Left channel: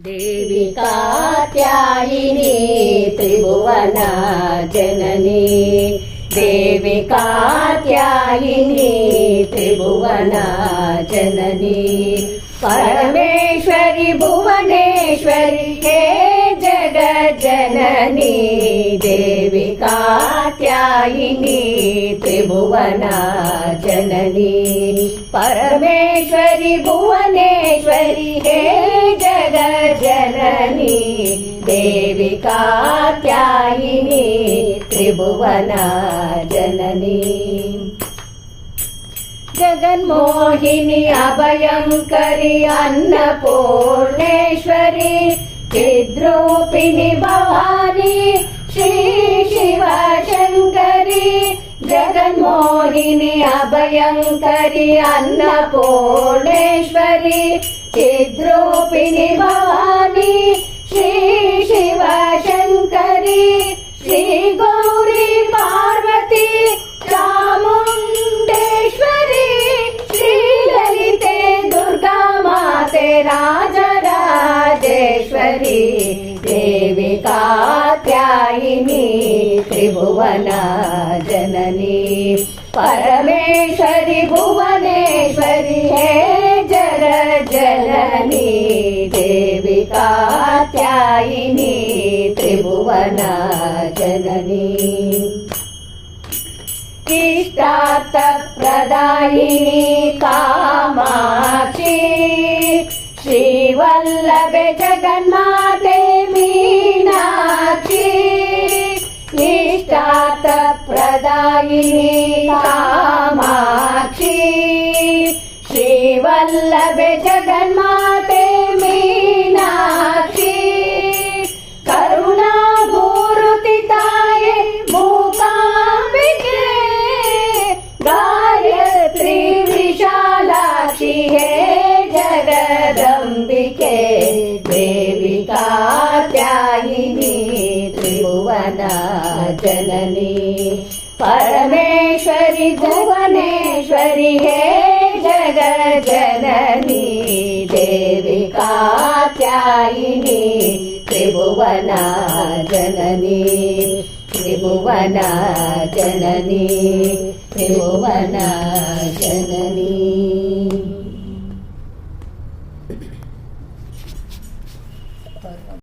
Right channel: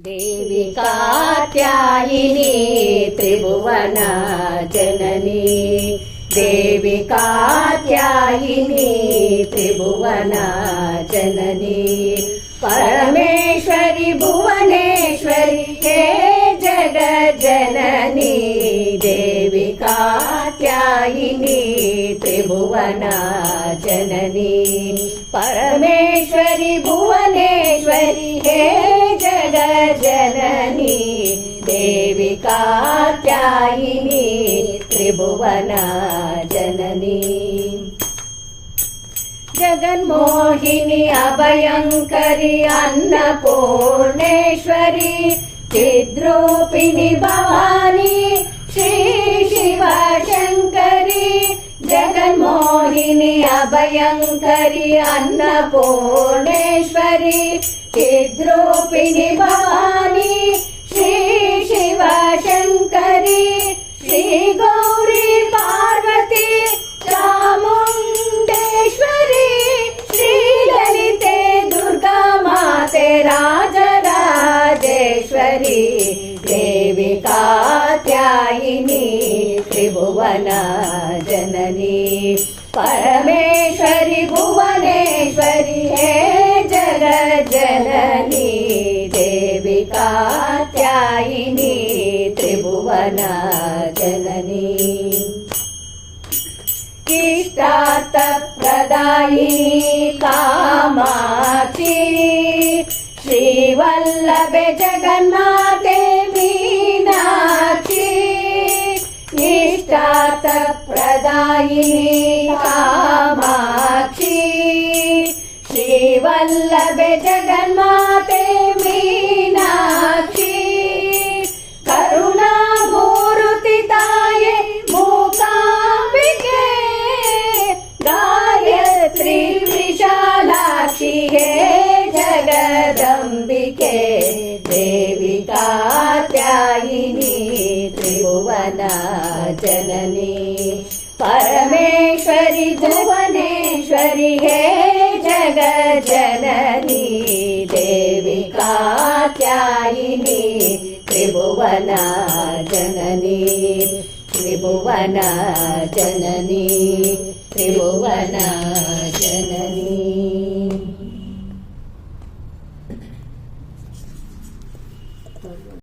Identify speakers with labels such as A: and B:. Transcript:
A: దేవి కాత్యాయిని త్రిభువన జనని. దేవి కాత్యాయిని త్రిభువన జనని. పరమేశ్వరి భువనేశ్వరి హే జగజనని దేవి కాత్యాయిని త్రిభువన జనని. పరమేశ్వరి భువనేశ్వరి హే जगज्जननी देवी कात्यायिनी त्रिभुवन जननी। जगन्मोहिनी अभयङ्करि अन्नपूर्णेश्वरि चिद्रूपिणि भवानी श्री शिवशङ्करि जगन्मोहिनी अभयङ्करि अन्नपूर्णेश्वरि चिद्रूपिणि भवानी श्री शिवशङ्करि श्रीगौरी पार्वती चामुण्डेश्वरी श्रीललिते दुर्गा माते राजराजेश्वरी देवी कात्यायिनी त्रिभुवन जननी परमेश्वरि भुवनेश्वरि हे जगज्जननी देवी कात्यायिनी त्रिभुवन जननी। इष्टार्थप्रदायिनी कामाक्षी श्रीवल्लभे जगन्माते इष्टार्थप्रदायिनी कामाक्षी श्रीवल्लभे जगन्माते मीनाक्षी। करुणा भूरुतिदाये मूकाम्बिके। गायत्री विशालाक्षि हे जननी। परमेश्वरि भुवनेश्वरि हे जगज्जननी। देवी कात्यायिनी त्रिभुवन जननी। त्रिभुवन जननी त्रिभुवन जननी।